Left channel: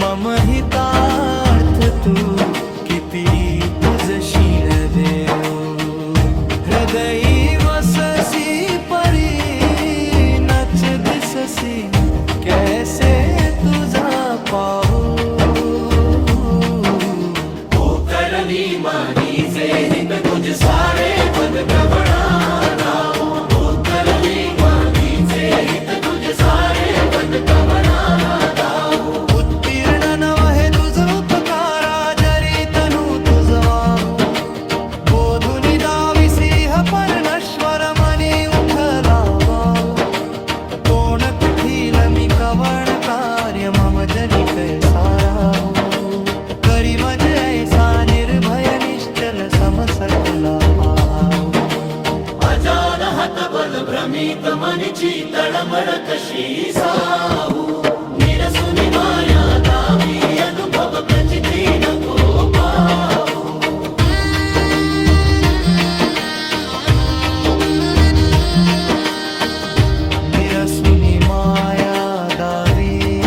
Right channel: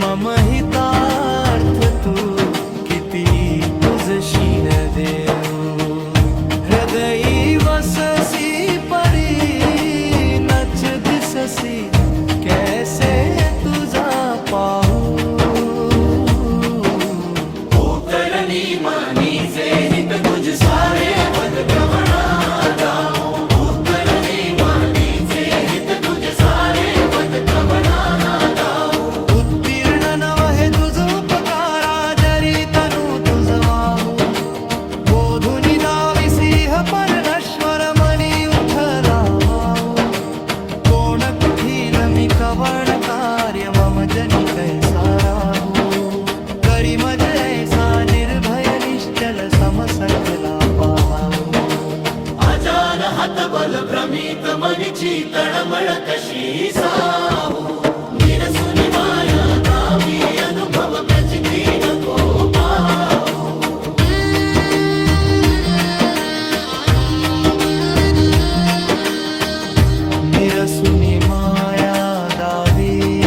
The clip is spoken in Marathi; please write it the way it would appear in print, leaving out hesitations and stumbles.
मम हितार्थ तू किती तुझशी न देऊ. हृदयी वससी परी नच दिससी कैसे तुझा पाहू. करणी मानीचे हित तुझ सारे पद कवणा गाऊ. करणी मानीचे हित तुझ सारे पद कवणा गाऊ. उत्तीर्ण नवहे तुझ उपकारा जरी तनु तुझ वाहू. बोधुनी दाविसिंह परनश्वर मनी उठला बाऊ. कोण कुठील मी कवण कार्य मम जनी कैसा राहू. करी मज ऐसा निर्भय निश्चल समसकला पाहाऊ. अजान हतबल भ्रमित मनीची तळमळ कशी साहू. निरसुनी माया दावी अनुभव प्रचिती नको पाहू. निरसुनी माया दावी